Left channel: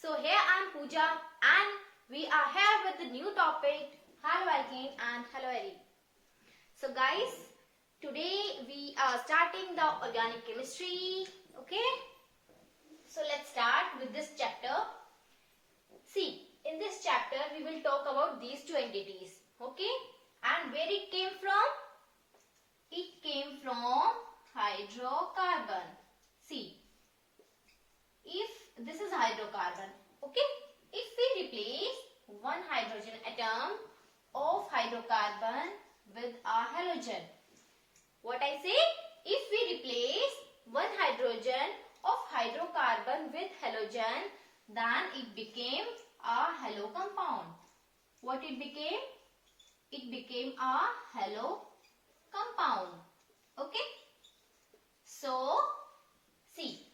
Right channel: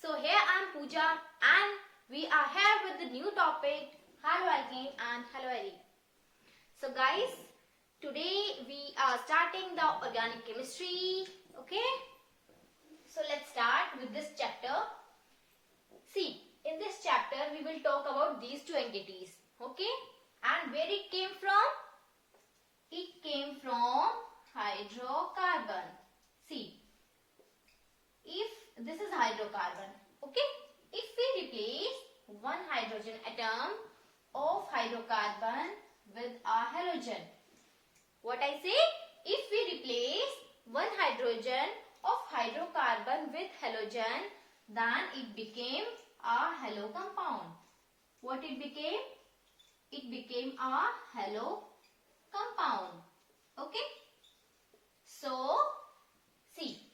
So here I am Pooja and we are here with the new topic Haloalkane and Haloarene. So guys, today we are starting the organic chemistry. Okay, so let's start with this chapter. See, in this chapter we will talk about these two entities. Okay, and where it came from? It came from hydrocarbon. See, if this is hydrocarbon, okay, if we replace one hydrogen atom of hydrocarbon with a halogen, what I say? If we replace one hydrogen of hydrocarbon with halogen, then it became a halo compound. What it became? It became a halo compound. Okay. So, see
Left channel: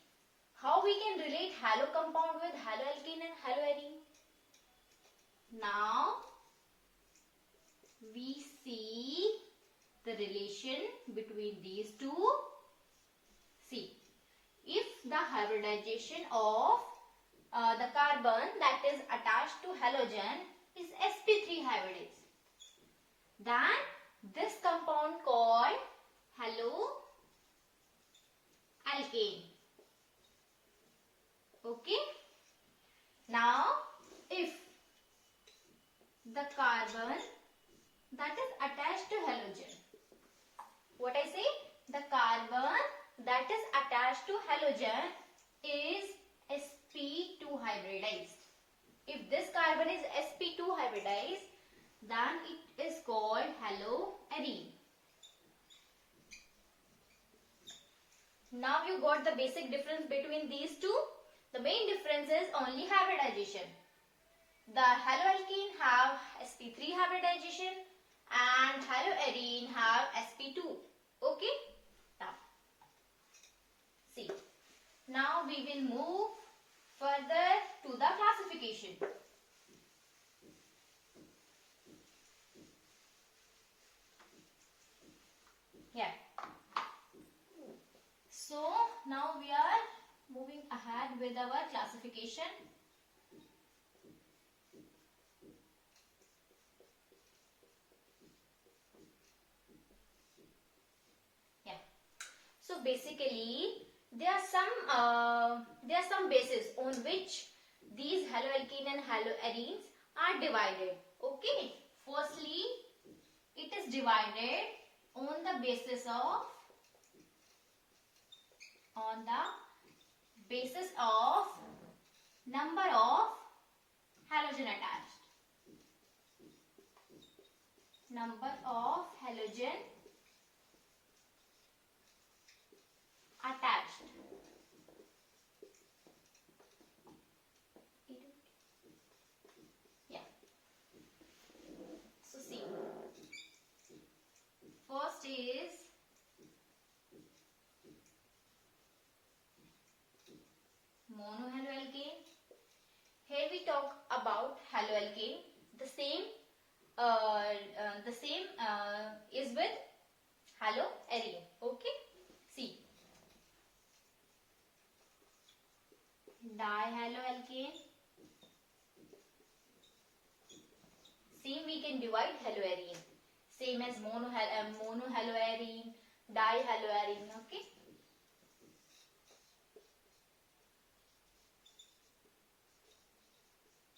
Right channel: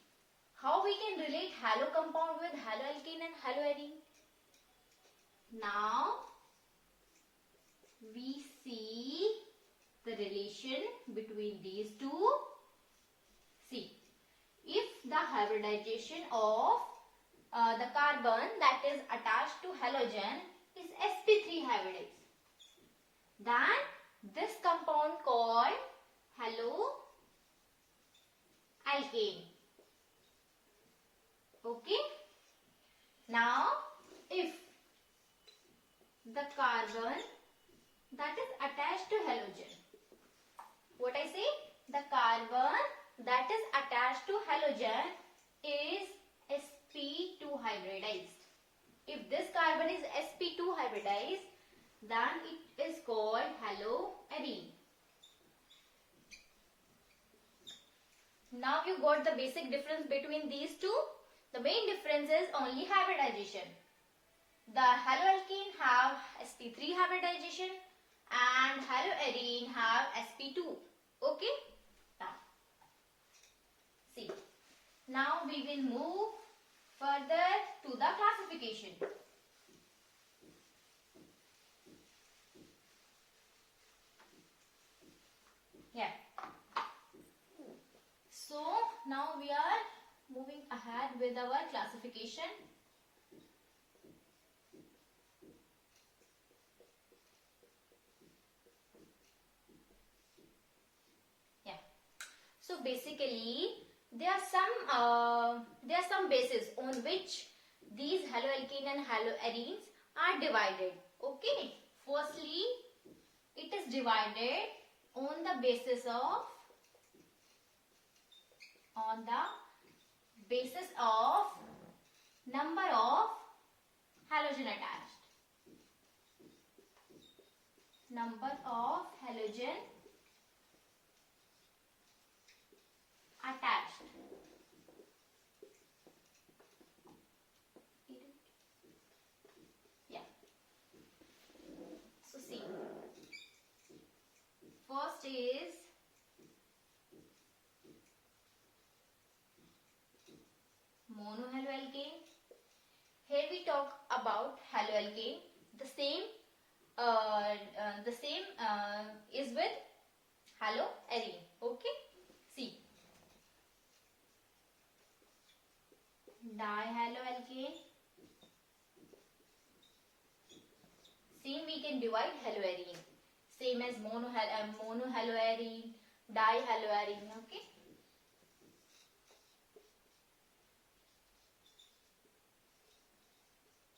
how we can relate halo compound with haloalkane and haloarene. Now, we see the relation between these two. See, if the hybridization of the carbon that is attached to halogen is sp3 hybridized, then this compound called haloalkane. Okay. Now, if the carbon that is attached to halogen, what I say? The carbon that is attached to halogen is sp2 hybridized. If this carbon is sp2 hybridized, then it is called haloarene. Now you got the basic difference between these two. The main difference is only hybridization. The haloalkane have sp3 hybridization and haloarene have sp2. Okay? Now, see. Now we will move further to the classification. Yeah. So now we are moving ahead with our classification. Yeah. So basically, there are some bases on which these haloalkane and haloarenes are divided. Okay. Firstly, it is divided on the basis of number of halogen attached. Number of halogen attached. Yeah. So see. First is monohaloalkane. Here we talk about haloalkane. The same is with haloarene. Okay. See. Dihaloalkane. Same we can divide haloarene. Same as monohaloarene, dihaloarene. Okay.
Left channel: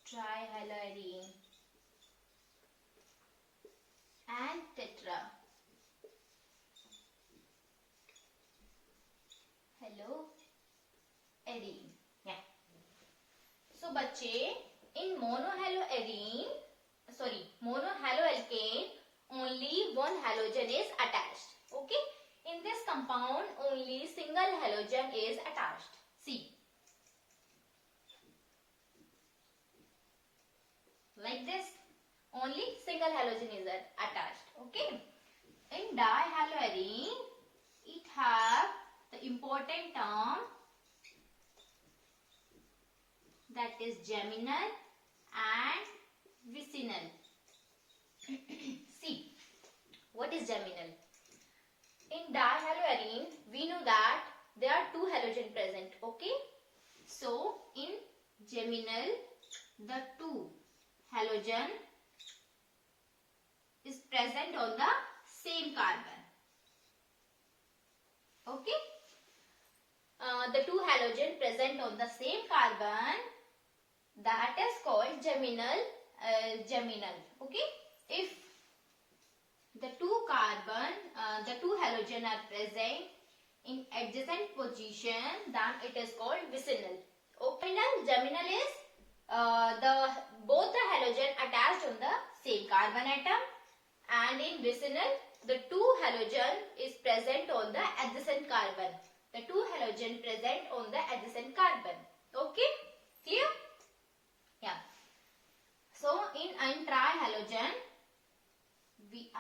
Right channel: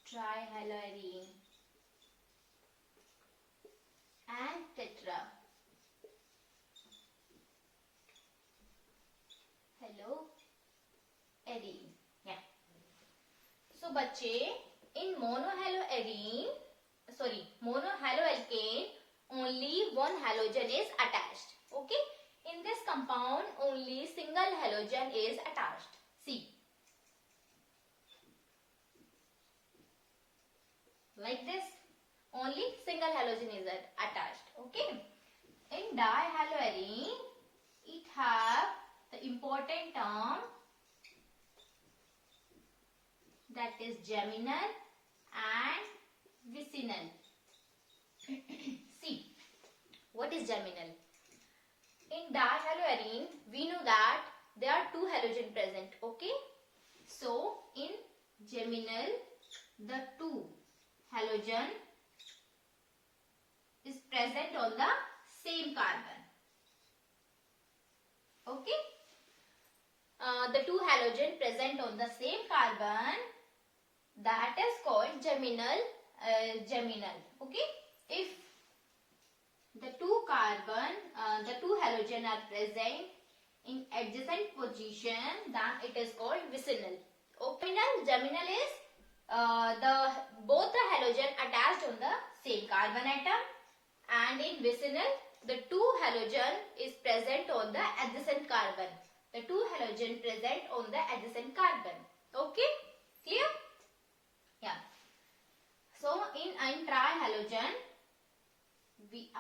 Trihaloarene and tetrahaloarene. Yeah. So, बच्चे, in monohaloalkane, only one halogen is attached. Okay. In this compound, only single halogen is attached. See. Like this, only single halogen is attached. Okay. In dihaloarene, it have the important term that is geminal and vicinal. See, what is geminal? In dihaloarene, we know that there are two halogen present. Okay. So, in geminal, the two halogen is present on the same carbon. Okay. The two halogen present on the same carbon, that is called geminal. Okay. If the two halogen are present in adjacent position, then it is called vicinal. Okay. Geminal is both the halogen attached on the same carbon atom, and in vicinal the two halogen is present on the adjacent carbon. The two halogen present on the adjacent carbon. Okay, clear? Yeah. So in trihalogen, I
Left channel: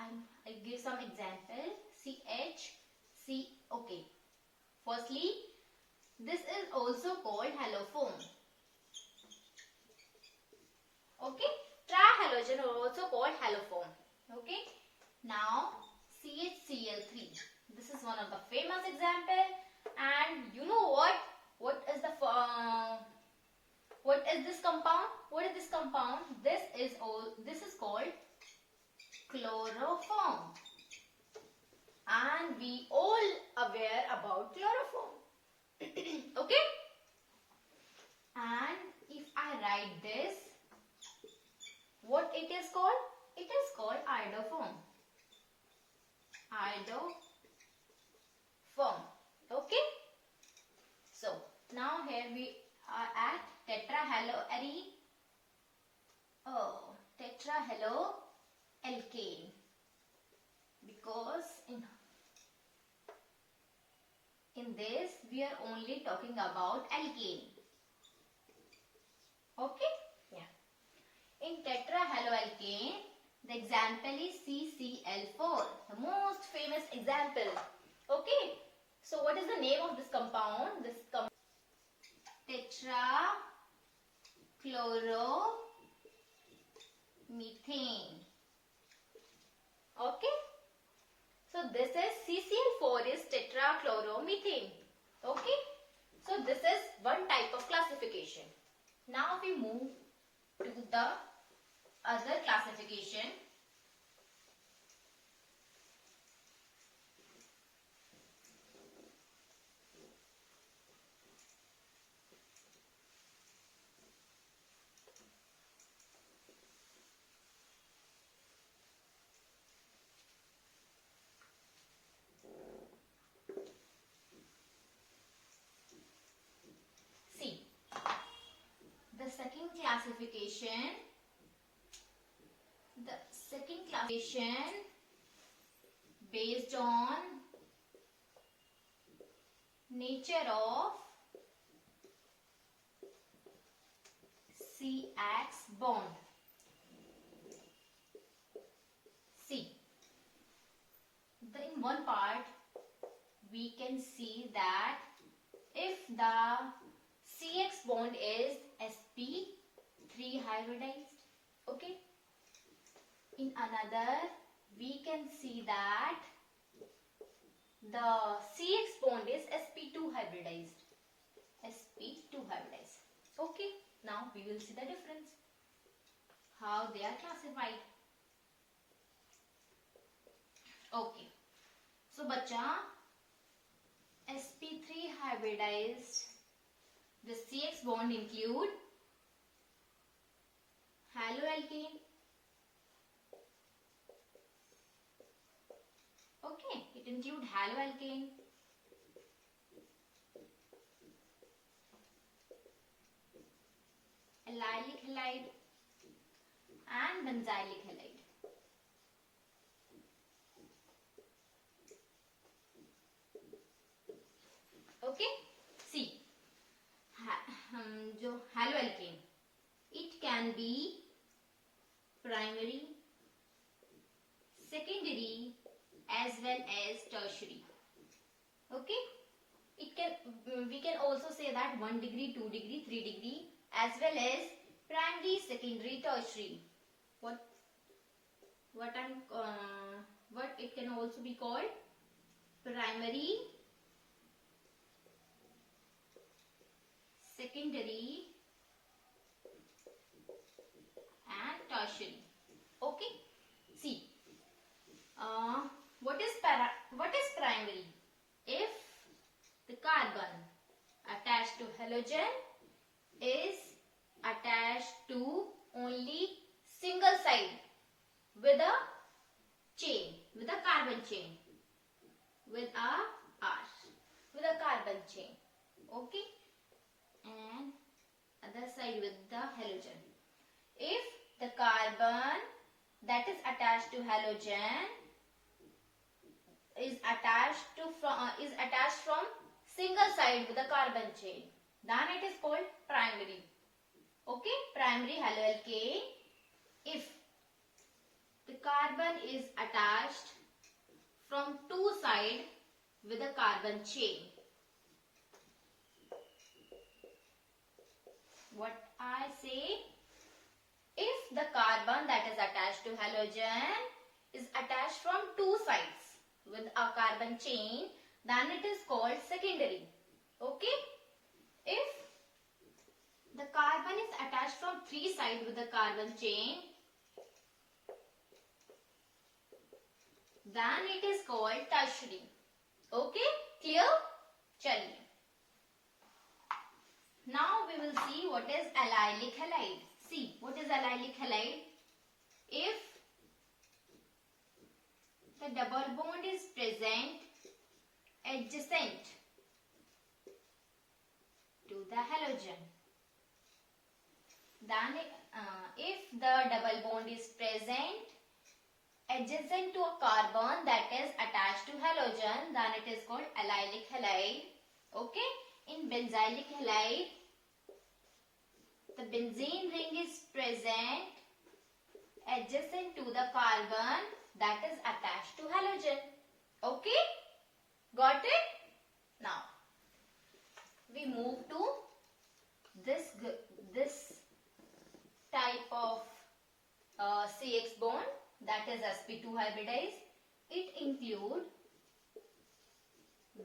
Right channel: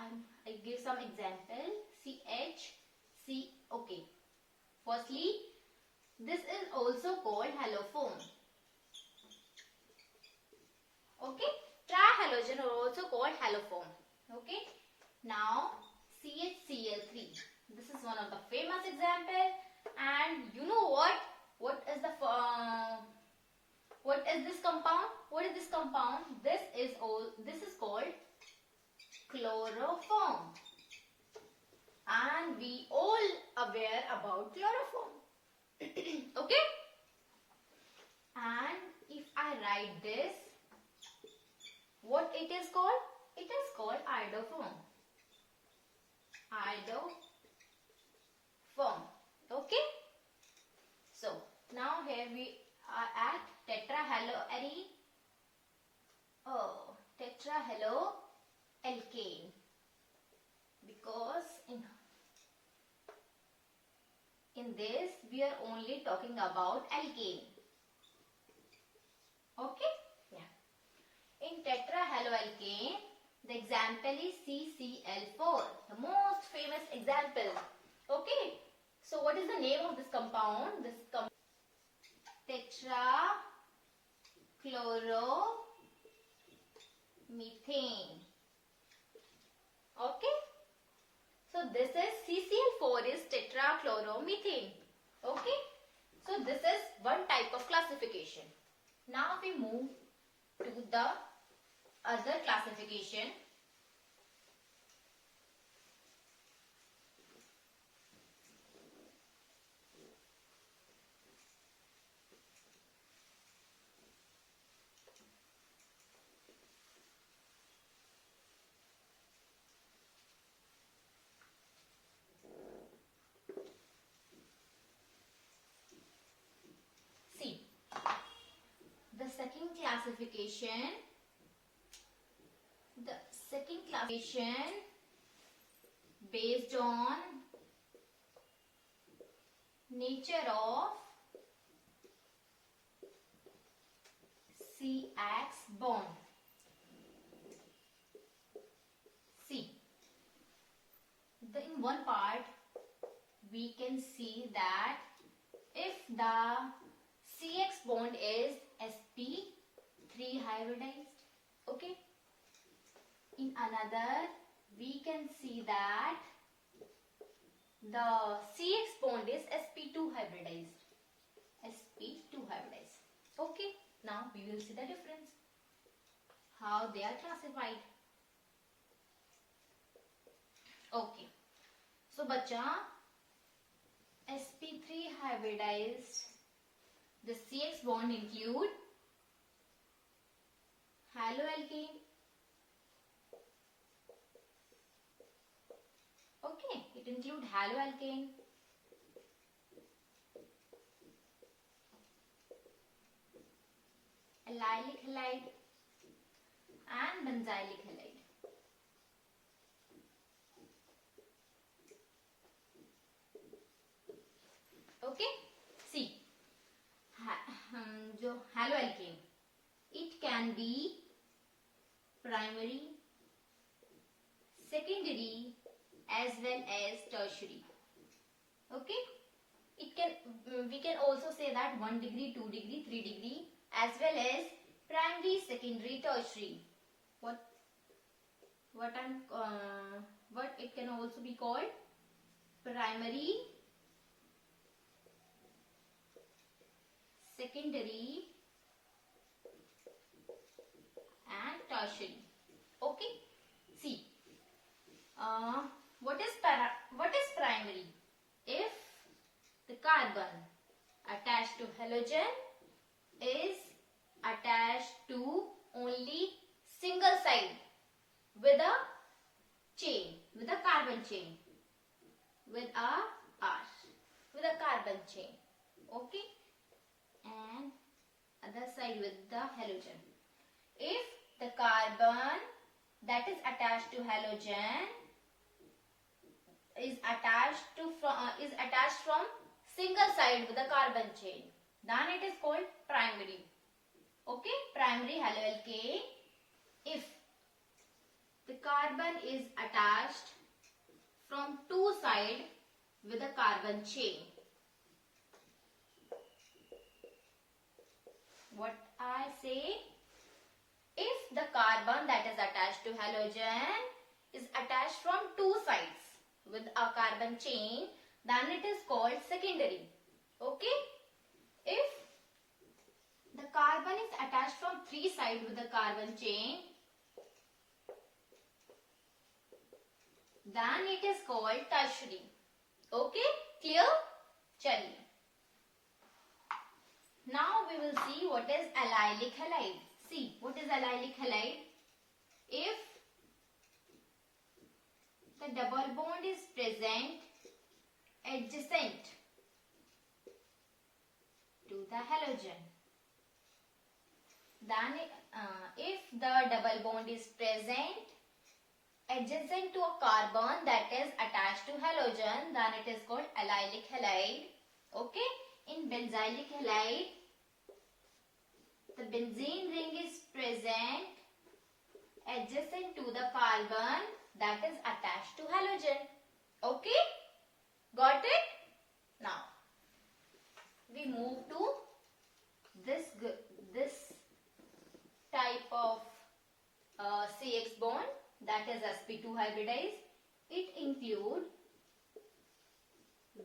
give some example. CH. Okay. Firstly, this is also called halofoam. Okay, trihalogen are also called halofoam. Okay. Now CHCl3. This is one of the famous example. And you know what? What is this compound? What is this compound? This is called chloroform. And we all aware about chloroform. Okay? And if I write this, what it is called? It is called iodoform. Iodoform. Okay. So now here we are at tetrahaloarene. Tetrahaloalkane. Because in this we are only talking about alkane. Okay? Yeah. In tetrahaloalkane, the example is CCl4, the most famous example. Okay? So what is the name of this compound? Tetrachloromethane. Okay? So this is CCl4 is tetrachloromethane. Okay? So this is one type of classification. Now we move to the other classification. The second classification based on nature of CX bond. See, in one part we can see that if the CX bond is sp3 hybridized, okay. In another, we can see that the CX bond is sp2 hybridized. Okay. Now we will see the difference. How they are classified. Okay. So, bacha, sp3 hybridized. The CX bond include haloalkane. Okay, it include haloalkane, allylic halide and benzylic halide. Okay, see. Haloalkane, it can be primary, secondary as well as tertiary. Okay, we can also say that 1 degree, 2 degree, 3 degree as well as primary, secondary, tertiary. What it can also be called primary, secondary tertiary. Okay. See, what is primary? If the carbon attached to halogen is attached to only single side with a chain, with a carbon chain, with a carbon chain. Okay, and other side with the halogen. If the carbon that is attached to halogen is attached from single side with a carbon chain, then it is called primary. Okay, primary haloalkane. If the carbon is attached from two sides with a carbon chain. What I say? If the carbon that is attached to halogen is attached from two sides with a carbon chain, then it is called secondary. Okay? If the carbon is attached from three sides with a carbon chain, then it is called tertiary. Okay? Clear? Chaliye. Now we will see what is allylic halide. See, what is allylic halide? If the double bond is present adjacent to the halogen, then if the double bond is present adjacent to a carbon that is attached to halogen, then it is called allylic halide. Okay? In benzylic halide, the benzene ring is present adjacent to the carbon that is attached to halogen. Okay? Got it? Now, we move to this type of CX bond, that is sp2 hybridized. It includes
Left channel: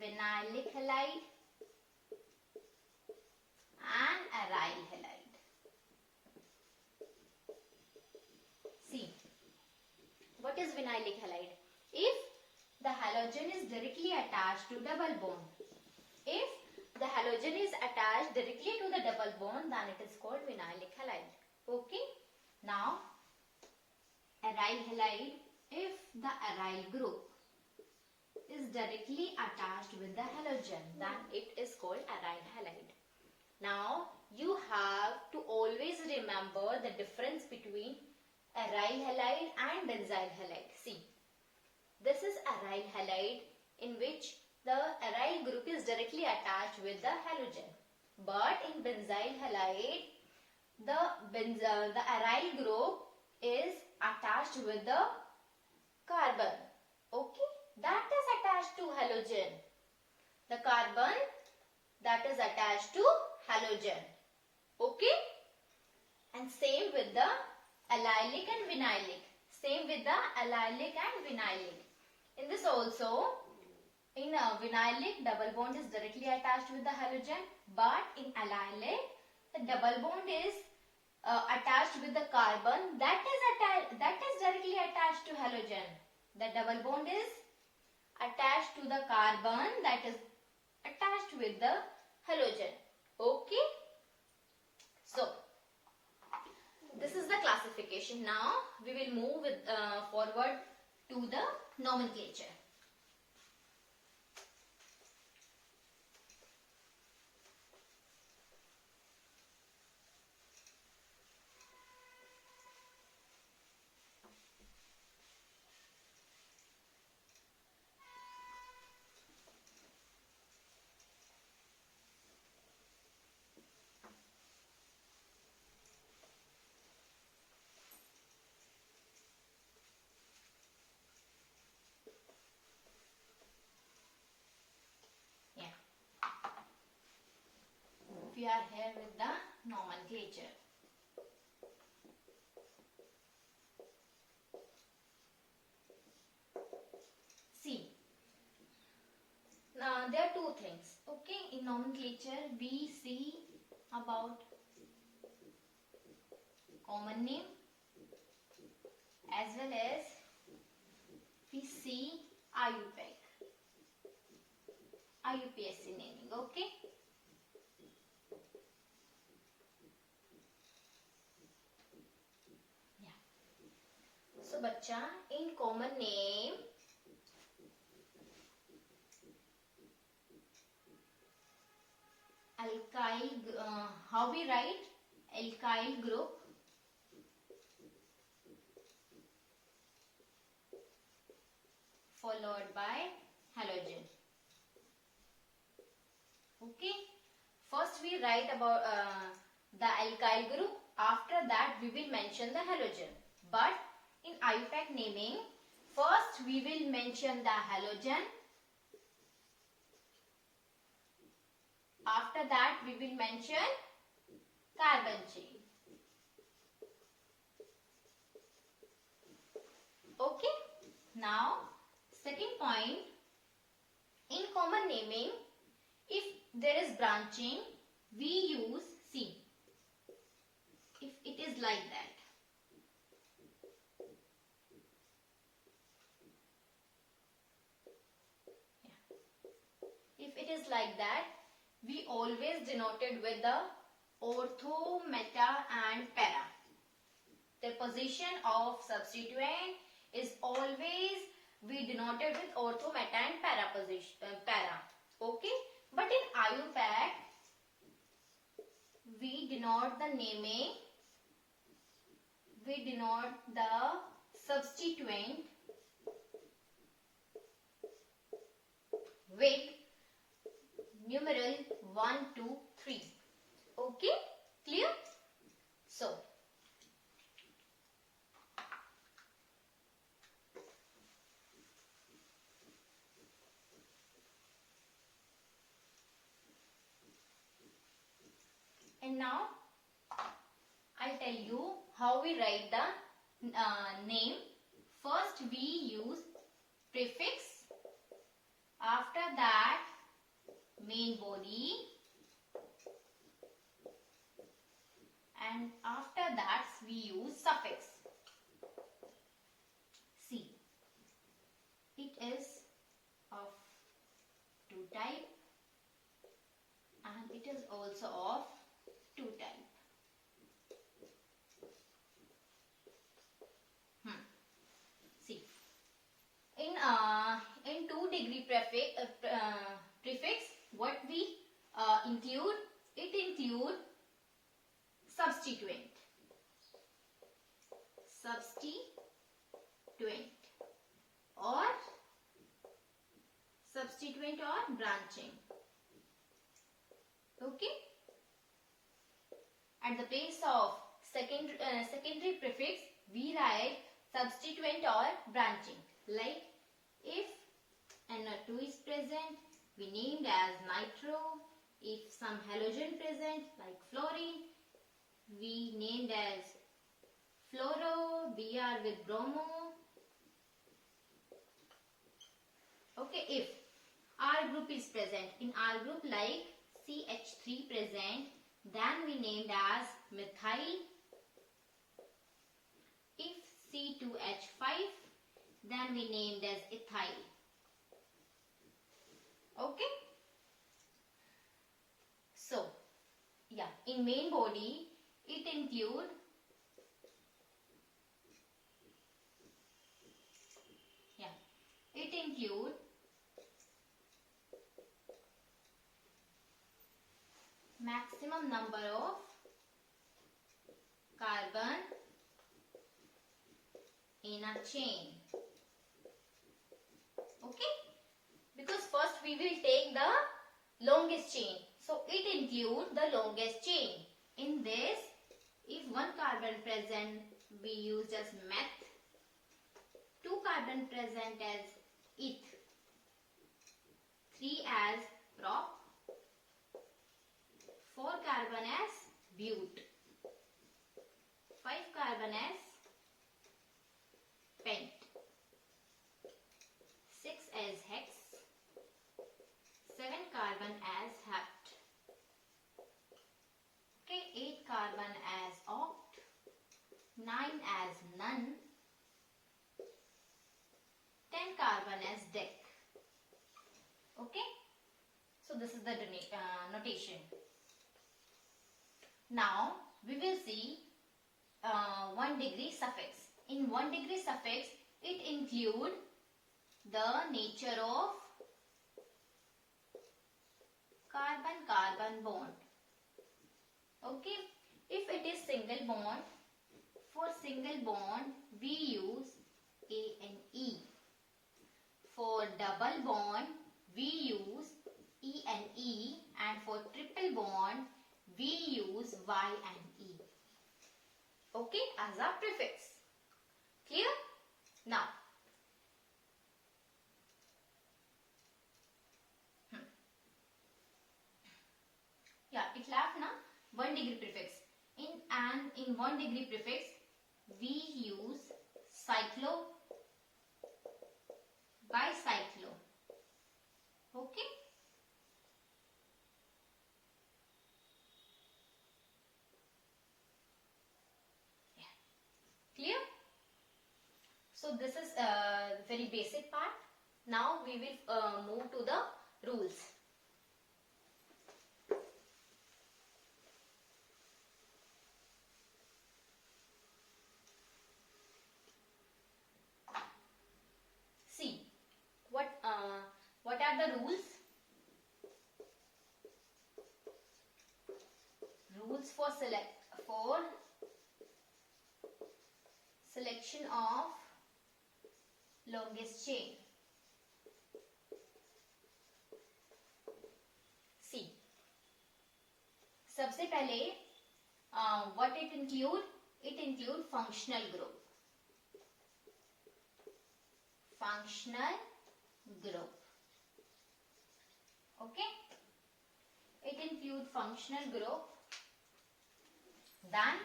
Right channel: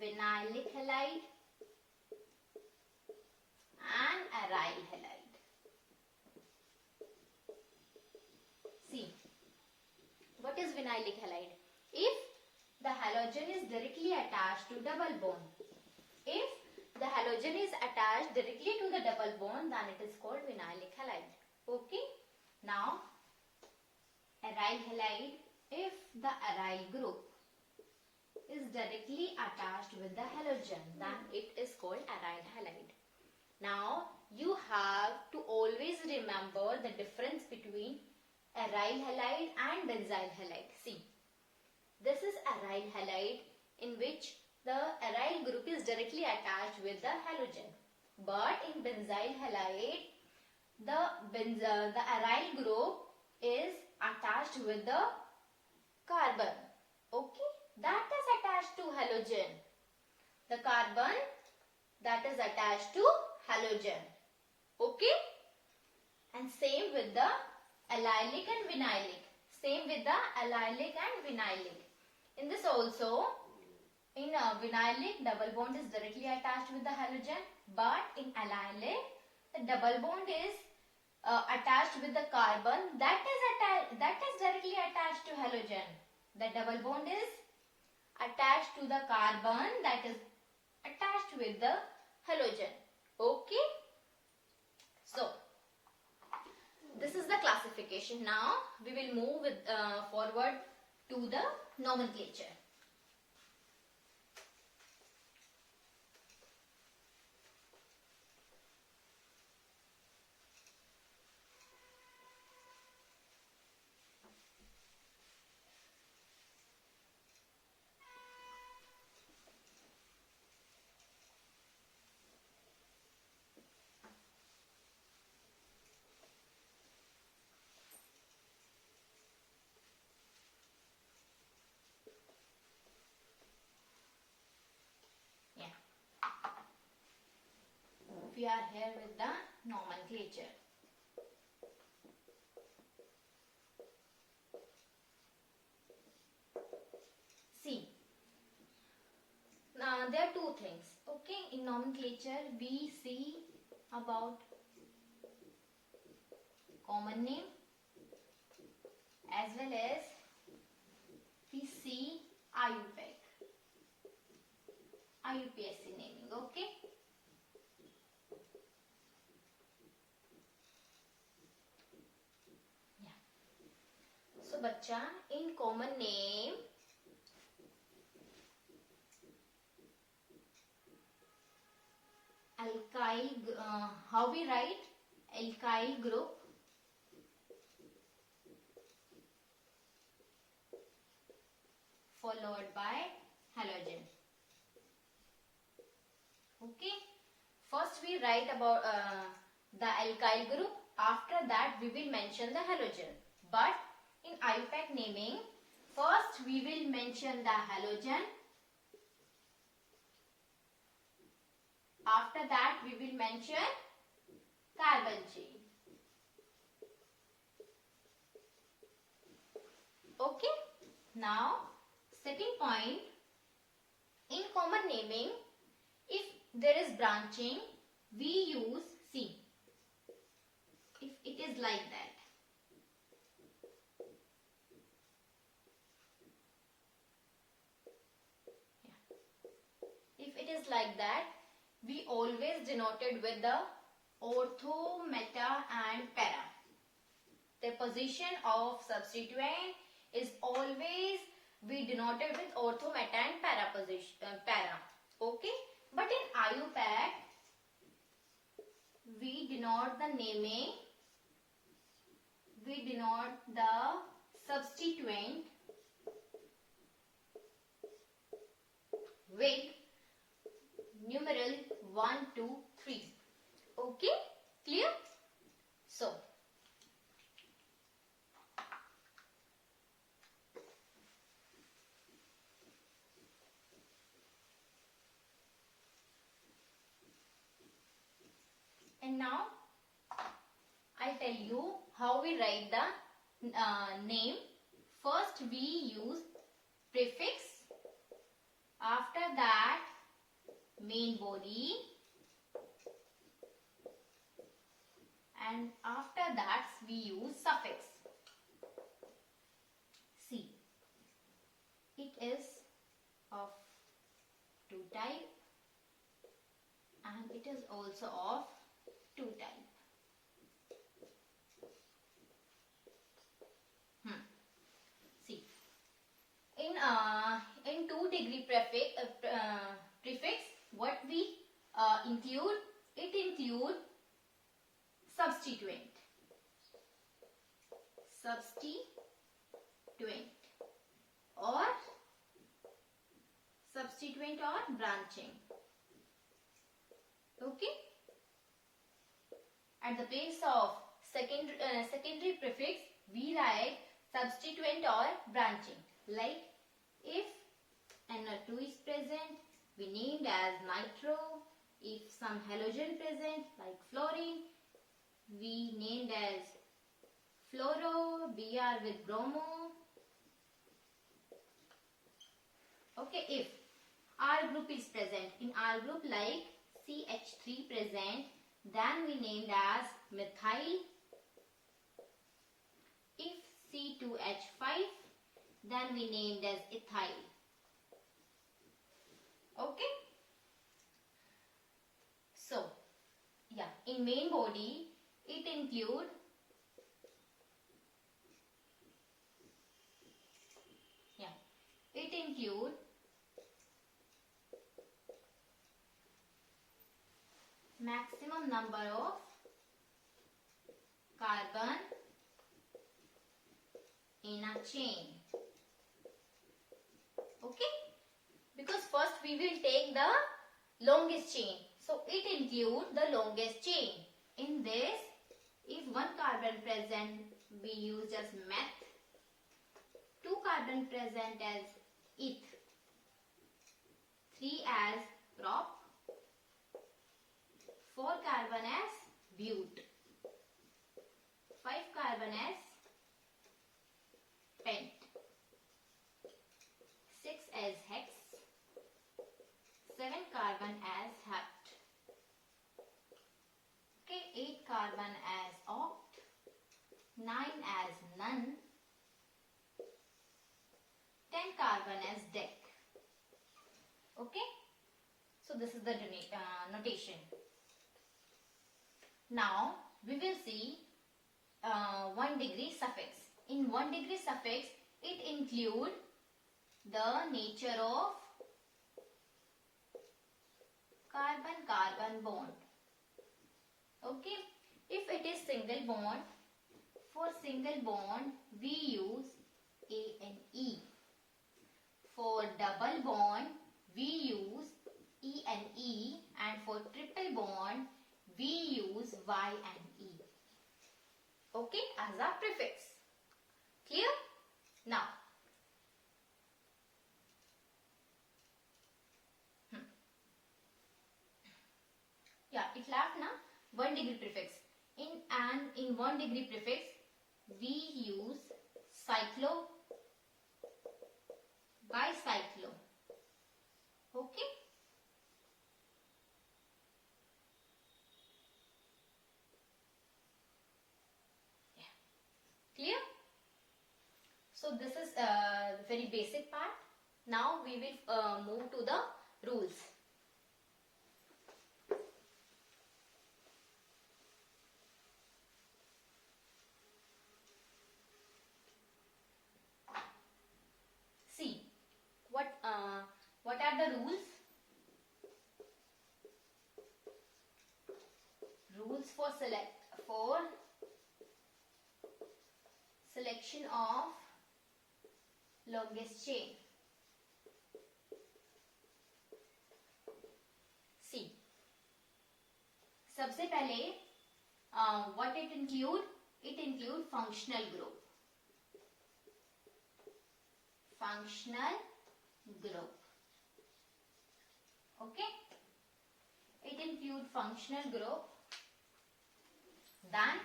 vinylic halide and aryl halide. See, what is vinylic halide? If the halogen is directly attached to double bond, if the halogen is attached directly to the double bond, then it is called vinylic halide. Okay? Now, aryl halide, if the aryl group is directly attached with the halogen, then it is called aryl halide. Now, you have to always remember the difference between aryl halide and benzyl halide. See, this is aryl halide in which the aryl group is directly attached with the halogen. But in benzyl halide, the aryl group is attached with the carbon. Okay, that is attached to halogen. The carbon that is attached to halogen. Okay, and same with the allylic and vinylic. Same with the allylic and vinylic. In this also, in vinylic, double bond is directly attached with the halogen, but in allylic, the double bond is attached with the carbon that is directly attached to halogen. The double bond is attached to the carbon that is attached with the halogen. Okay. So, this is the classification. Now, we will move forward to the nomenclature. We are here with the nomenclature. See, now there are two things. Okay, in nomenclature we see about common name as well as we see IUPAC, IUPAC naming. Okay. Yeah. So बच्चा, in common name alkyl, how we write alkyl group followed by halogen. Okay, first we write about the alkyl group, after that we will mention the halogen. But in IUPAC naming, first we will mention the halogen, after that we will mention carbon chain. Okay, now second point, in common naming, if there is branching, we use C. If it is like that, if it is like that, we always denoted with the ortho, meta and para. The position of substituent is always we denoted with ortho, meta and para position, para. Okay, but in IUPAC we denote the naming, we denote the substituent with numeral 1, 2, 3. Okay, clear? So and now I'll tell you how we write the name. First we use prefix, after that main body, and after that we use suffix. See, it is of 2 type and it is also of 2 type. See, in 2 degree prefix, what we include? It include substituent or branching. Okay. At the place of secondary prefix, we write substituent or branching. Like if NO2 is present, we named as nitro. If some halogen present like fluorine, we named as fluoro, Br with bromo. Okay, if R group is present, in R group like CH3 present, then we named as methyl. If C2H5, then we named as ethyl. Okay. So, yeah, in main body, it include maximum number of carbon in a chain. Okay, because first we will take the longest chain, so it includes the longest chain. In this, if 1 carbon present, we use as meth, 2 carbon present as eth, 3 as prop, 4 carbon as but, 5 carbon as pent, 6 as hex, 7 carbon as hept, okay, 8 carbon as oct, 9 as none, this is the notation. Now we will see 1 degree suffix. In 1 degree suffix, it include the nature of carbon-carbon bond. Okay. If it is single bond, for single bond we use A and E. For double bond we use E and E, and for triple bond we use Y and E. Okay, as a prefix. Clear? Now, yeah, it left na 1 degree prefix. In 1 degree prefix we use cyclo, bicyclo. Okay. Yeah. Clear? So this is very basic part. Now we will move to the rules. See, what are the rules? Rules for selection of longest chain. See, सबसे पहले what it include? It include functional group. Functional group. Okay. It include functional group. Then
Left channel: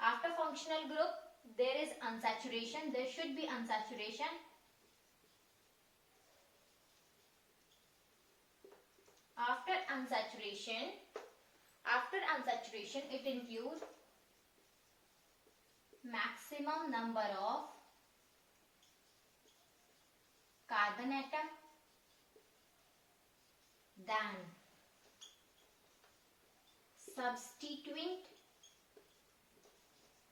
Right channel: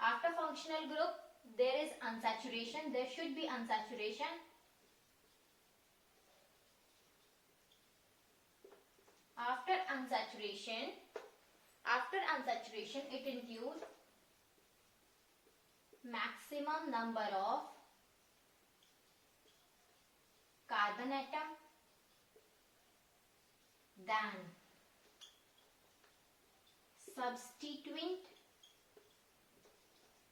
after functional group there is unsaturation. There should be unsaturation. After unsaturation it includes maximum number of carbon atom, then substituent.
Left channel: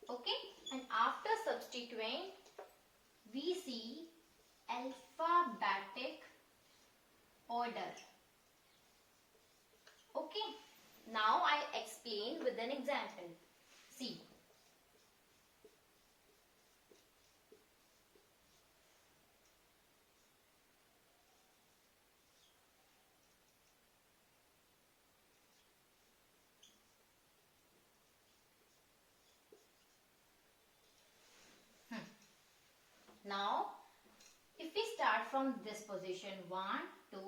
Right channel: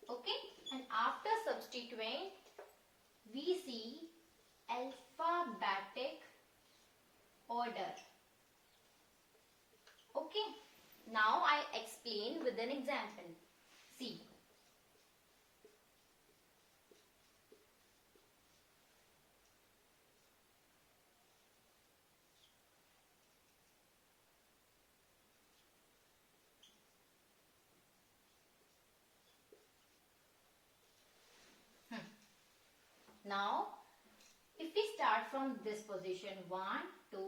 Okay, and after substituent we see alphabetic order. Okay, now I explain with an example. See, now if we start from this position 1, 2,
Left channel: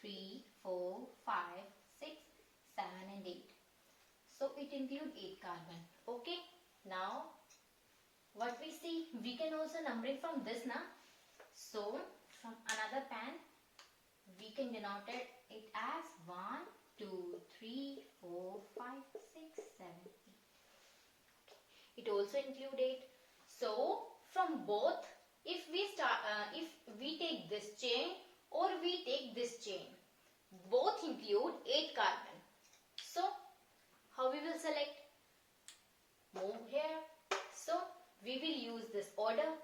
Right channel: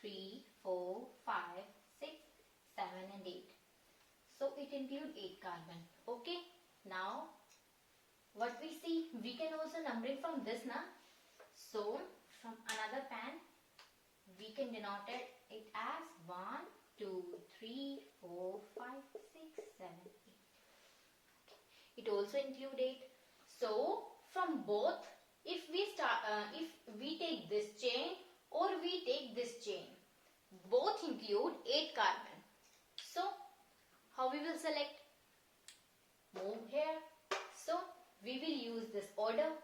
3, 4, 5, 6, 7 and 8. So it includes 8 carbon. Okay. Now what we see, we can also numbering from this na. So from another pen we can denote it as 1, 2, 3, 4, 5, 6, 7, 8. Okay. It also include 8. So from both, if we take this chain or we take this chain, both include 8 carbon. So how we will select? Move here. So we will use this order,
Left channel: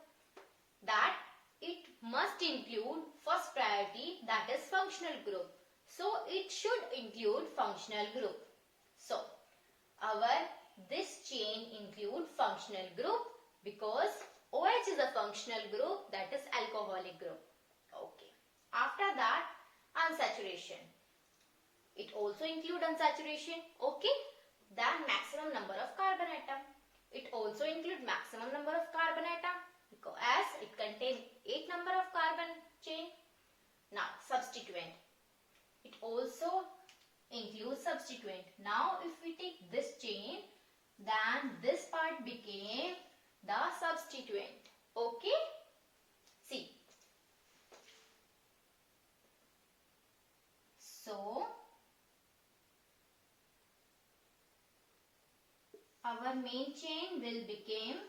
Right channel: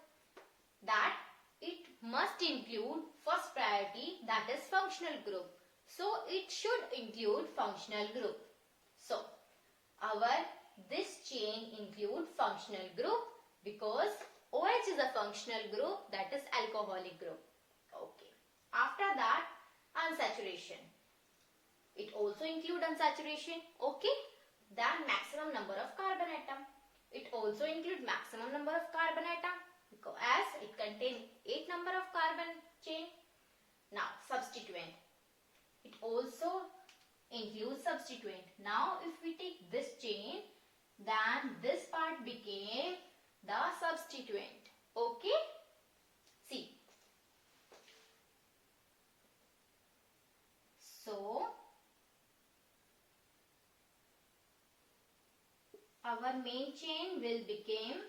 that it must include first priority, that is functional group. So it should include functional group. So this chain include functional group because OH is a functional group, that is alcoholic group. Okay. After that, unsaturation. It also include unsaturation. Okay. Then maximum number of carbon atom. It also include maximum number of carbon atom because as it contains 8 number of carbon chain. Now substituent. It also includes substituent. Now if we take this chain, then this part became the substituent. Okay. See. So our main chain will become,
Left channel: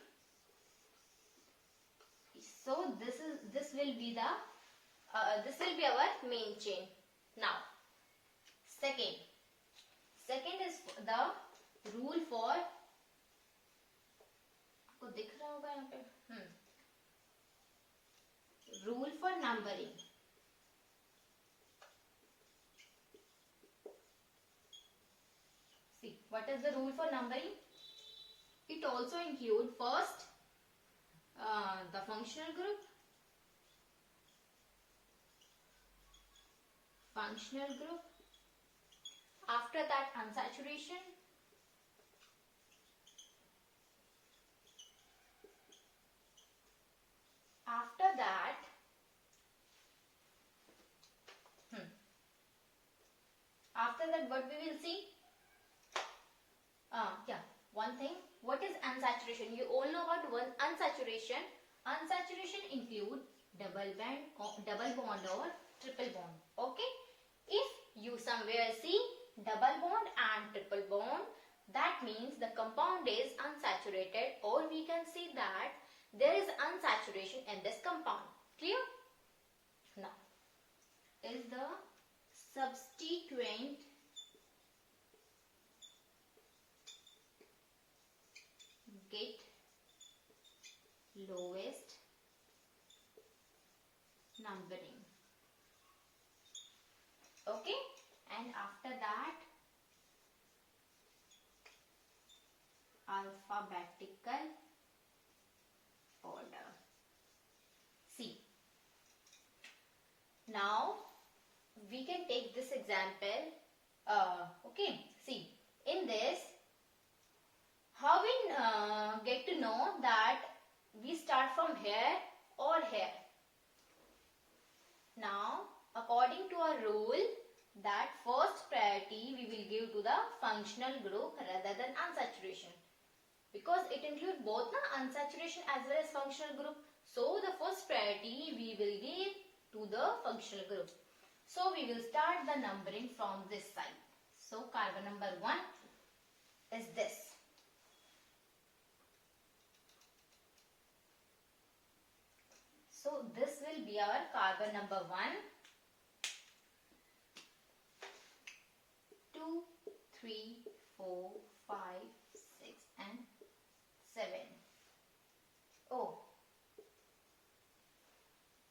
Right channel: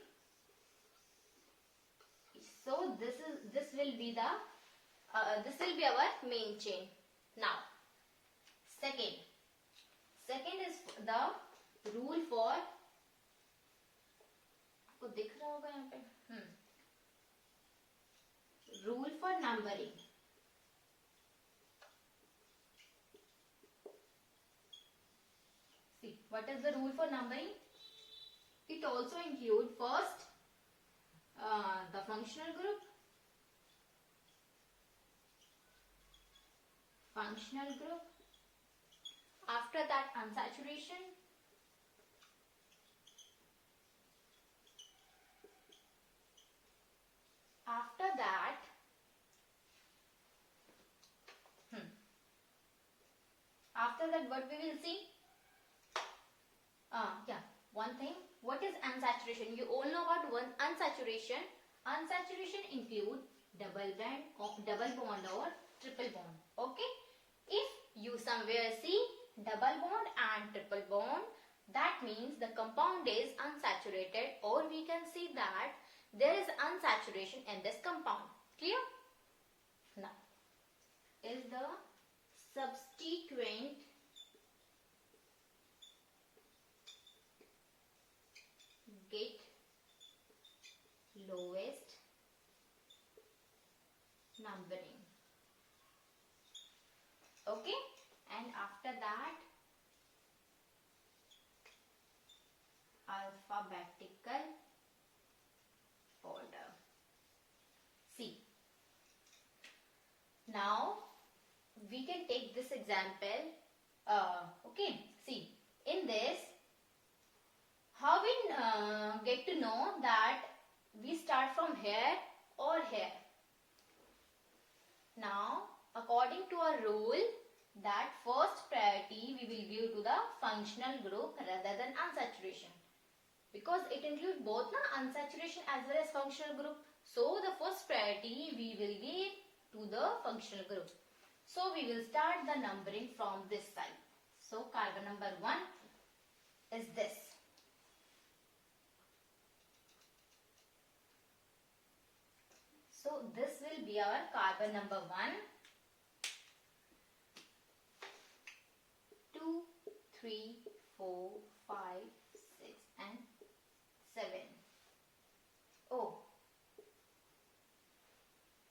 so this will be the This will be our main chain. Now, second is the rule for, आपको दिख रहा होगा यहाँ पे, rule for numbering. See, what is the rule for numbering? It also include first the functional group, after that unsaturation, after that what we will see? One thing, what is unsaturation? You all know about one unsaturation. Unsaturation include double bond or triple bond. Okay, if you somewhere see double bond and triple bond, that means the compound is unsaturated, or we can see that there is unsaturation in this compound. Clear? Now, is the substituent get lowest numbering. Okay, and after that alphabetical order. See, now we can take this example. Okay, see, in this, how we get to know that we start from here or here? Now, according to our rule, that first priority we will give to the functional group rather than unsaturation, because it includes both the unsaturation as well as functional group. So, the first priority we will give to the functional group. So, we will start the numbering from this side. So, carbon number 1 is this. So, this will be our carbon number 1, 2, 3, 4, 5, 6 and 7. Oh,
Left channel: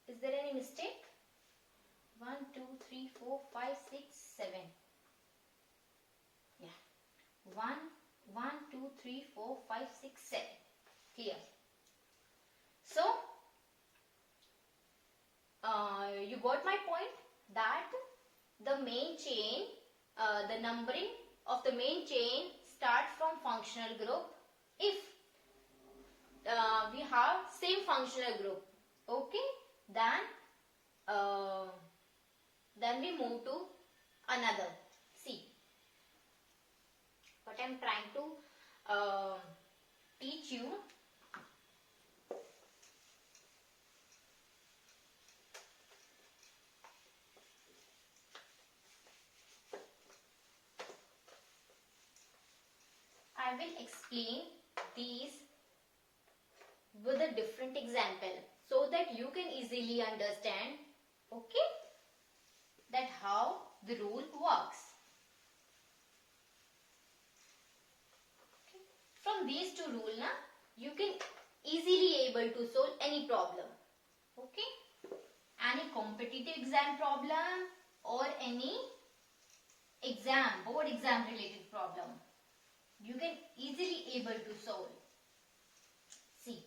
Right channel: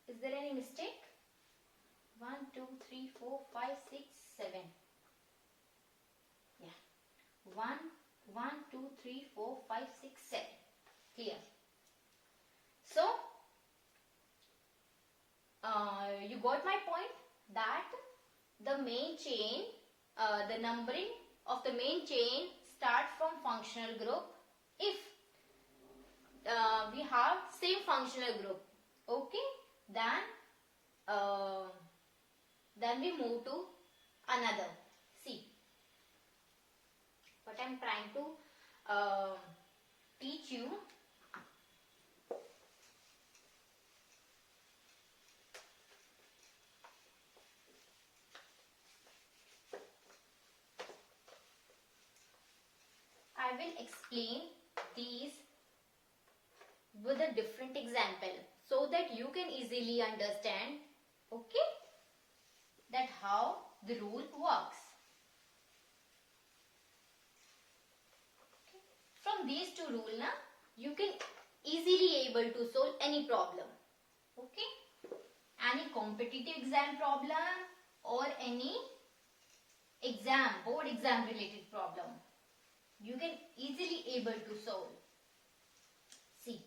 is there any mistake? 1, 2, 3, 4, 5, 6, 7. Yeah. 1, 2, 3, 4, 5, 6, 7. Here. So, you got my point that the main chain, the numbering of the main chain start from functional group if we have same functional group. Okay, then we move to another. See, what I am trying to teach you. I will explain these with a different example so that you can easily understand, okay, that how the rule works. Okay. From these two rules, you can easily able to solve any problem. Okay, any competitive exam problem or any exam, board exam related problem, you can easily able to solve. See,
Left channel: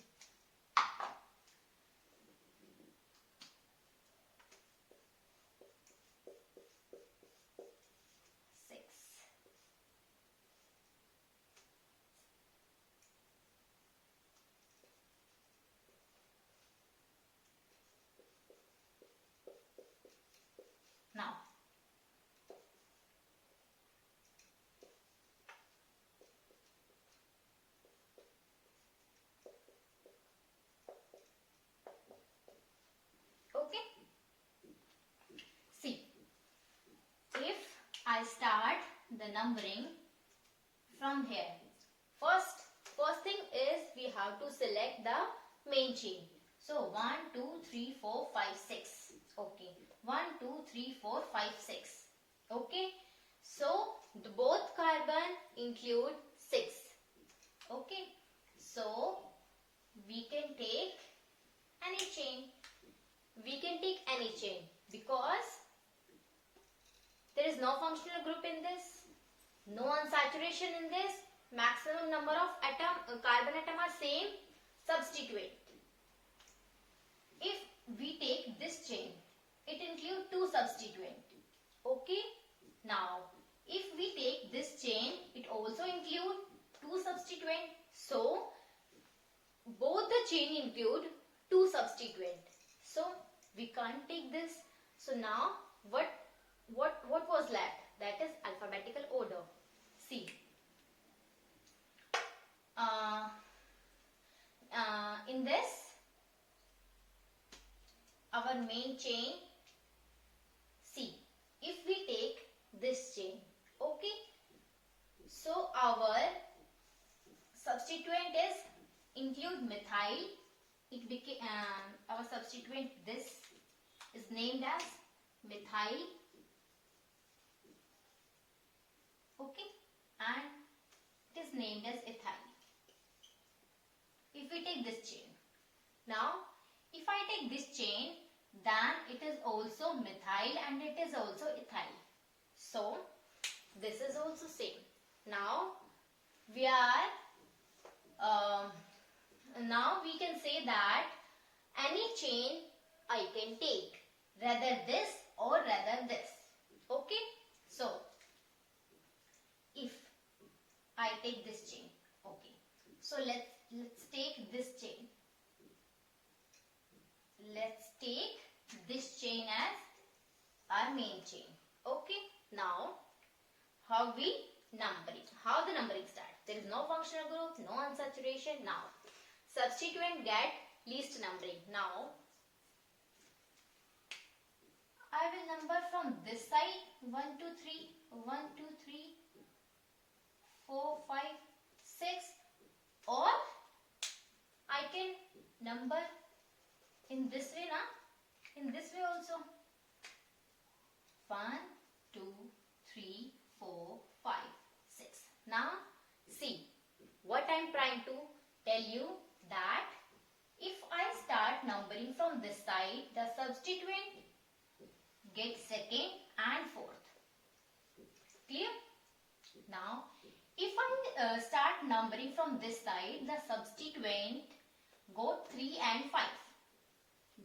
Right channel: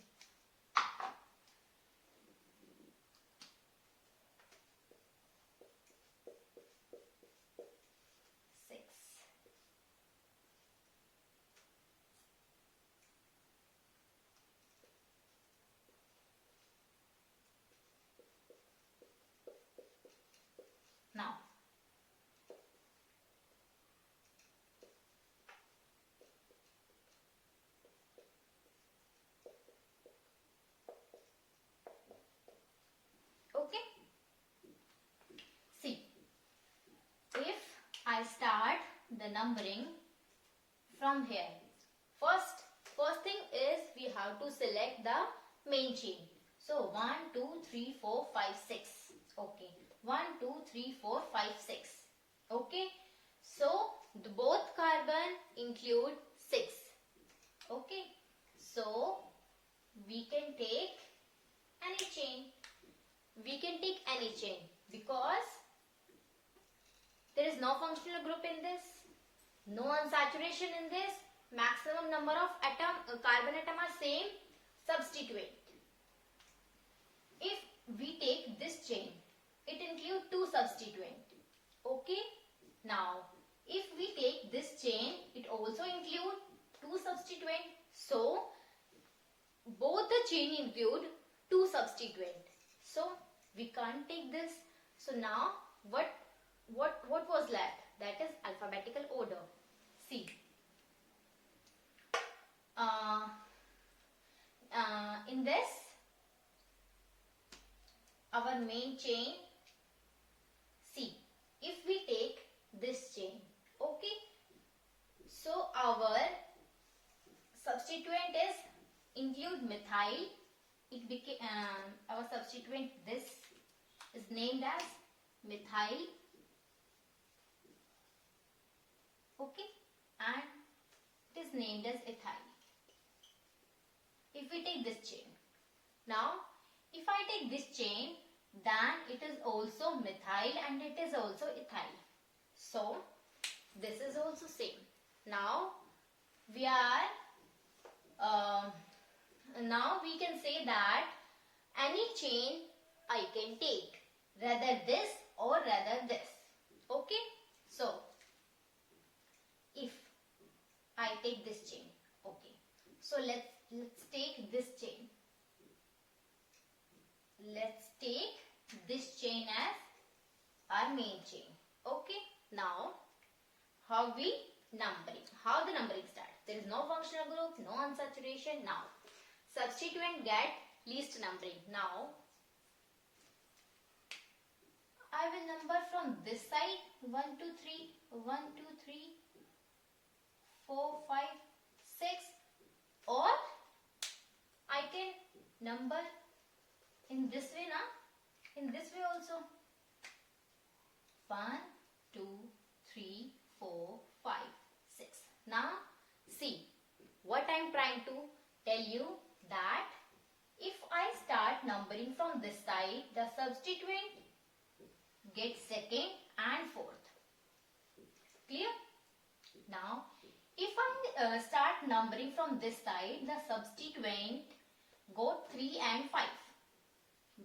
now, okay, see, if I start the numbering from here, first thing is we have to select the main chain. So 1, 2, 3, 4, 5, 6. Okay. 1, 2, 3, 4, 5, 6. Okay. So both carbon include 6. Okay. So we can take any chain. We can take any chain because there is no functional group in this, no unsaturation in this, maximum number of carbon atom are same, substitute. If we take this chain, it includes 2 substituents. Okay. Now, if we take this chain, it also includes 2 substituents. So, both the chain include 2 substituents. So, we can't take this. So, now, what was left? That is alphabetical order. See. In this, our main chain, see, if we take this chain, okay, so our substituent is include methyl. It became our substituent, this is named as methyl, okay, and it is named as ethyl. If we take this chain, now if I take this chain, then it is also methyl and it is also ethyl. So this is also same. Now we are now we can say that any chain I can take, rather this or rather this. Okay. So if I take this chain, okay. So let's take this chain. Let's take this chain as our main chain. Okay. Now, how the numbering starts? There is no functional group, no unsaturation. Now, substituent get least numbering. Now, I will number from this side 1, 2, 3, 1, 2, 3, 4, 5, 6, or I can number in this way, in this way also. 1, 2, 3, 4, 5, 6. Now, see, what I am trying to tell you that if I start numbering from this side, the substituent gets second and fourth. Clear? Now, if I start numbering from this side, the substituent go 3 and 5.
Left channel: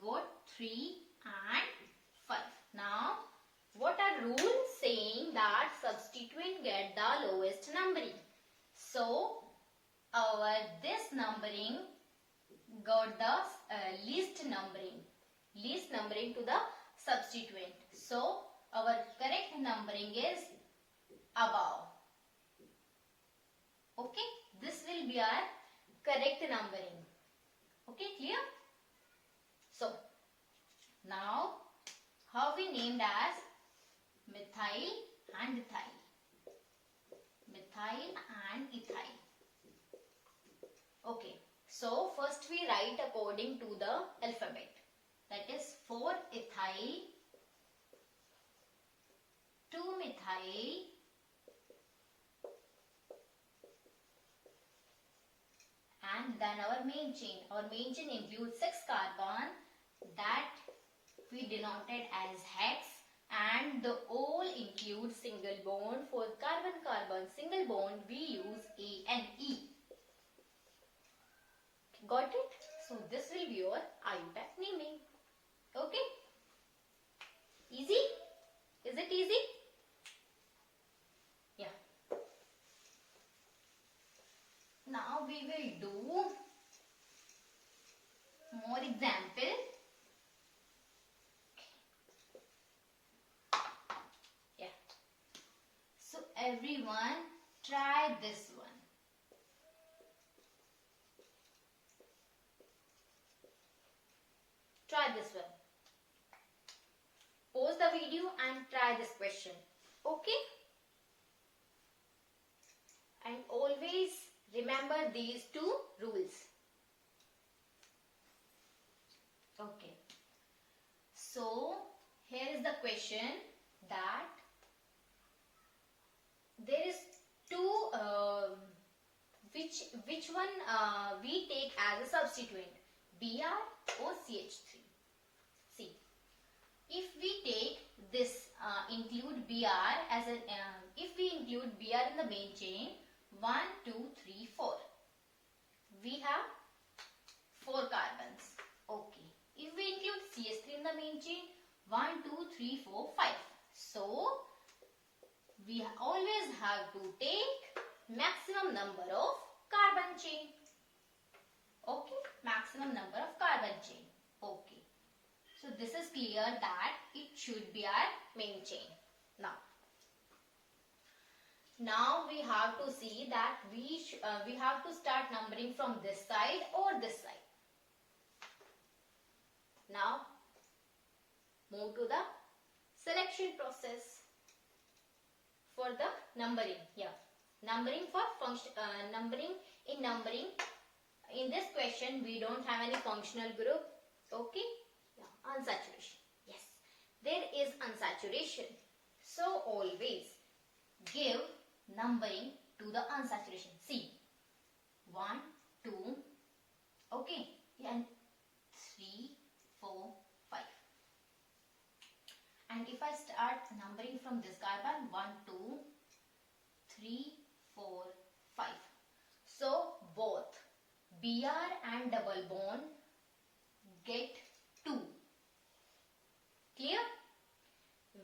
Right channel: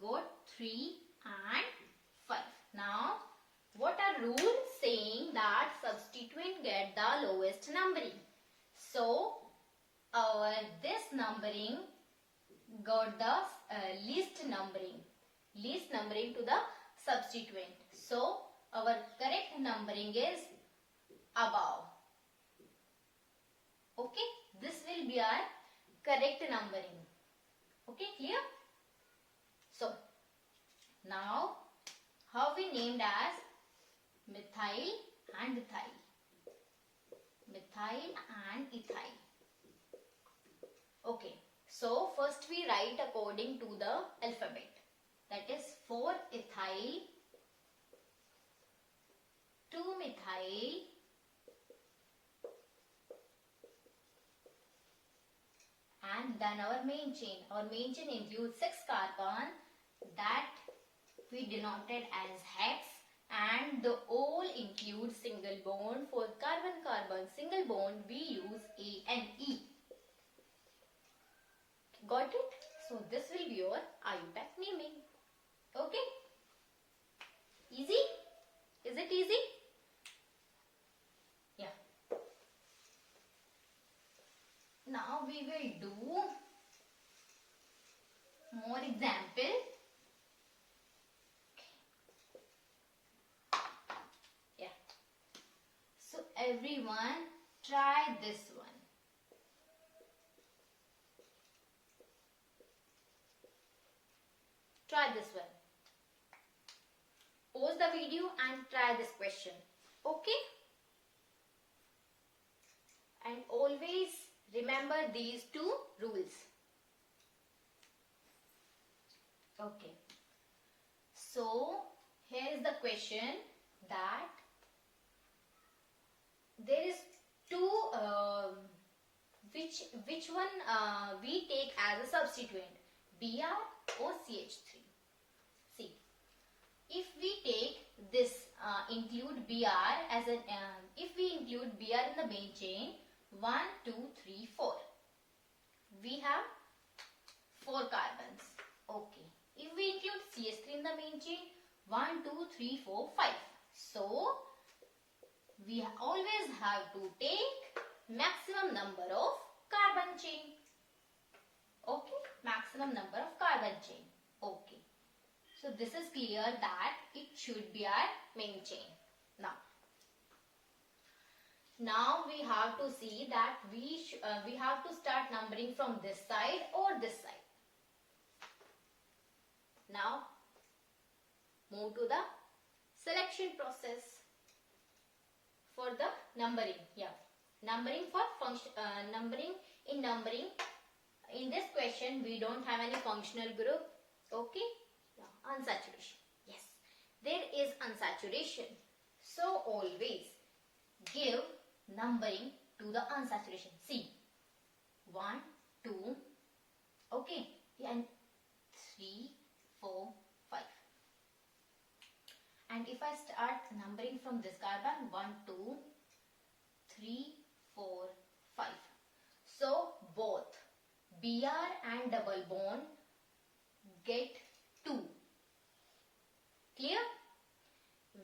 Go 3 and 5. Now, what are rules saying that substituent get the lowest numbering? So, our this numbering got the least numbering to the substituent. So, our correct numbering is above. Okay, this will be our correct numbering. Okay, clear? So, now how we named as methyl and ethyl. Methyl and ethyl. Okay, so first we write according to the alphabet. That is 4 ethyl, 2 methyl, and then our main chain. Our main chain includes 6 carbon that we denoted as hex, and the all include single bond. For carbon-carbon single bond we use A and E. Got it? So this will be your IUPAC naming. Okay? Easy? Is it easy? Yeah. Now we will do more example. Yeah. So everyone try this one. Try this one. Pause the video and try this question. Okay? And always remember these 2 rules. Okay. So here is the question that there is two which one we take as a substituent, Br or CH3. See, if we take this include Br as an if we include Br in the main chain, 1, 2, 3, 4. We have 4 carbons. Okay. If we include CH3 in the main chain, 1, 2, 3, 4, 5. So we always have to take maximum number of carbon chain. Okay, maximum number of carbon chain. Okay. So this is clear that it should be our main chain. Now we have to see that we have to start numbering from this side or this side. Now move to the selection process for the numbering. Numbering for function. Numbering. In this question we don't have any functional group. Okay. Unsaturation. Yes, there is unsaturation. So always give numbering to the unsaturation. See, 1, 2, okay, and 3, 4, 5. And if I start numbering from this carbon, 1, 2, 3, 4, 5. So both Br and double bond get 2. Clear?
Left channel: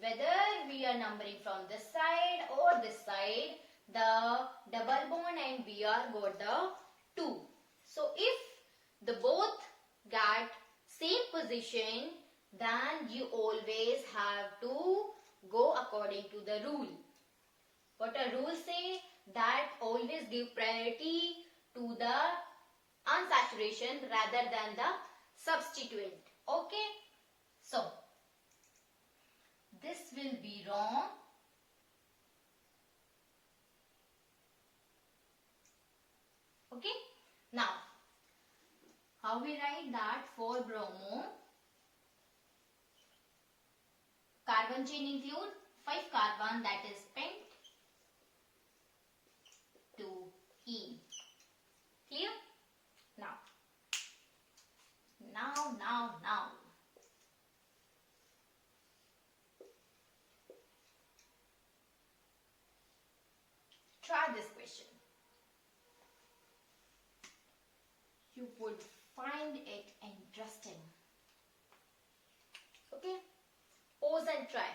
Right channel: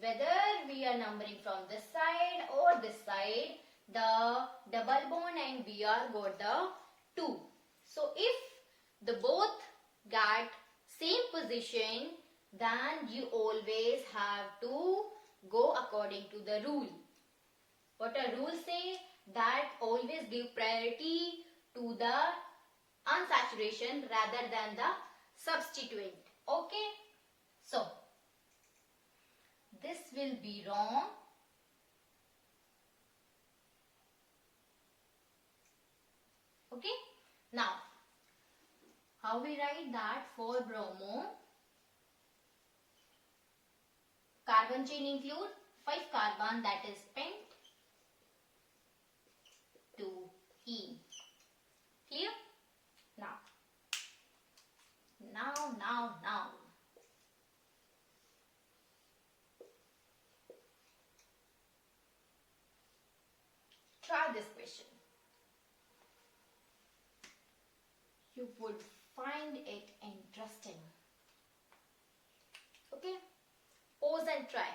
Whether we are numbering from this side or this side, the double bond and Br got the 2. So if the both got same position, then you always have to go according to the rule. What a rule say? That always give priority to the unsaturation rather than the substituent. Okay? So this will be wrong. Okay. Now, how we write that for bromo? Carbon chain include 5 carbon, that is pent 2E. Clear? Now. Try this question. You would find it interesting. Okay? Pause and try.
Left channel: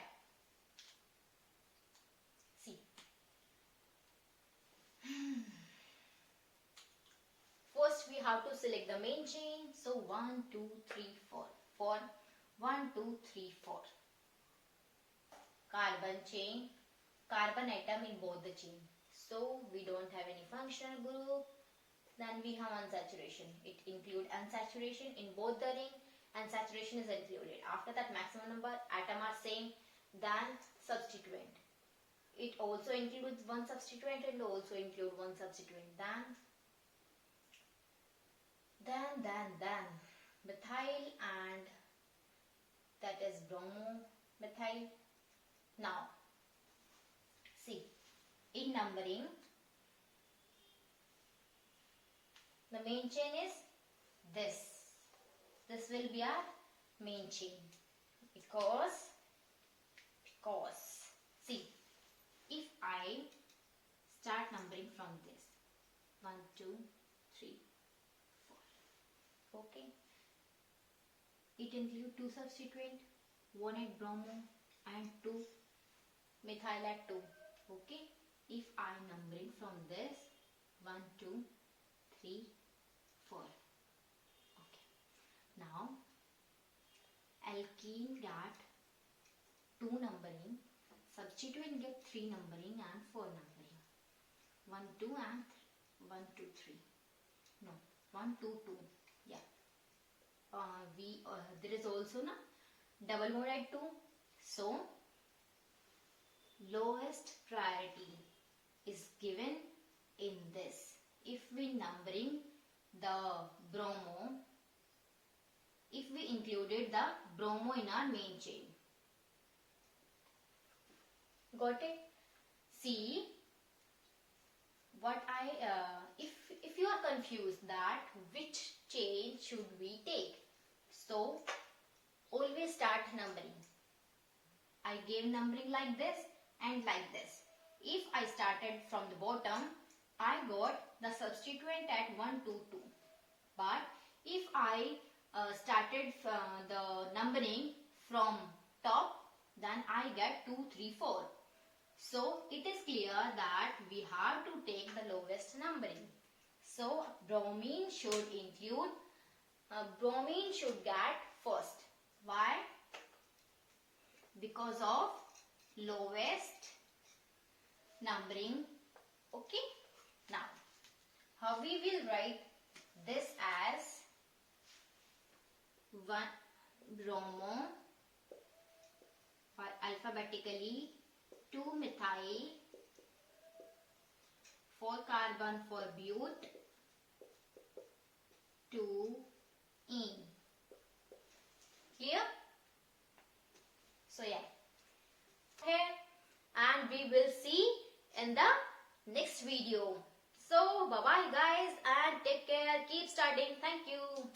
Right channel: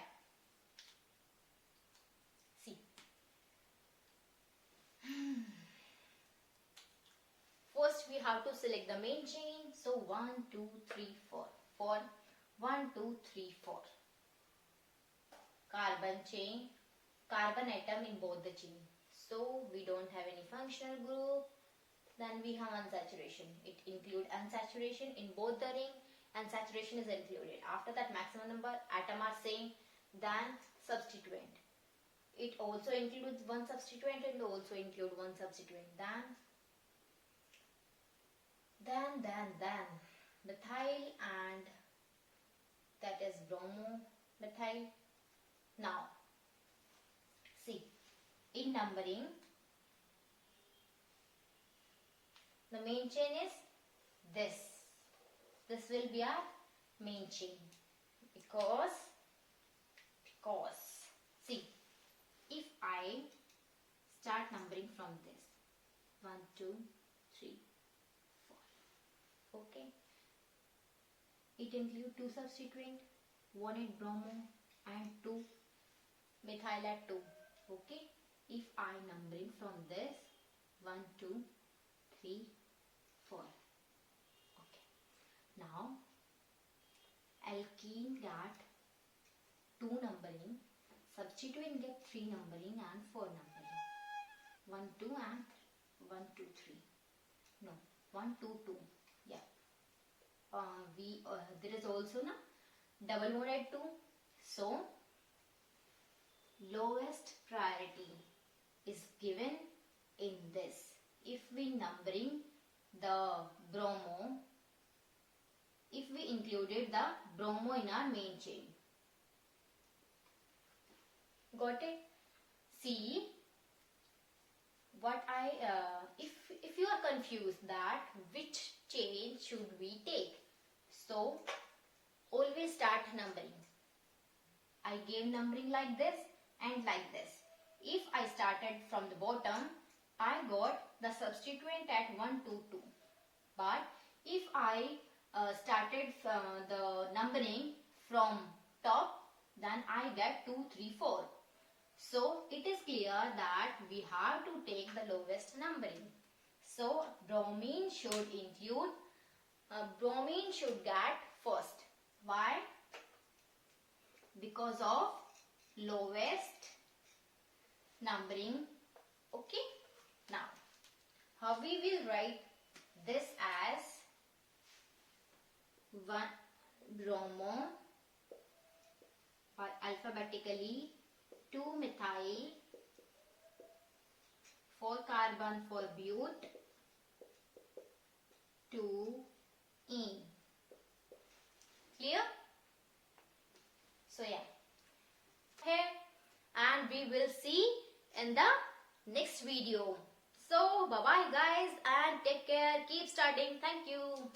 See. First we have to select the main chain. So 1, 2, 3, 4. 4. 1, 2, 3, 4. Carbon chain. Carbon atom in both the chain. So we don't have any functional group. Then we have unsaturation. It includes unsaturation in both the ring. Unsaturation is included. After that maximum number atom are same than substituent. It also includes one substituent and also include one substituent. Then methyl and that is bromomethyl. Now see, in numbering the main chain is this. This will be our main chain because see, if I start numbering from this 1, 2, 3, 4. Okay, it includes 2 substituent, 1 at bromo and 2 methyl at 2. Okay, if I numbering from this 1, 2, 3, 4. Okay, now alkene get 2 numbering, substituent get 3 numbering and 4 numbering. 1, 2 and 1, 2, 3. No, 1, 2, 2. Yeah. There is also double bond at 2. So lowest priority is given in this. If we numbering the bromo, if we included the bromo in our main chain. Got it? See, what if you are confused that which chain should we take, so always start numbering. I gave numbering like this and like this. If I started from the bottom, I got the substituent at 1, 2, 2. But if I started the numbering from top, then I get 2, 3, 4. So it is clear that we have to take the lowest numbering. So bromine should include, bromine should get first. Why? Because of lowest numbering. Okay. Now, how we will write this as 1 bromo, or alphabetically 2 methyl, 4 carbon for but, 2 ene. Clear? So yeah. Okay, and we will see in the next video. So bye bye guys, and take care, keep studying. Thank you.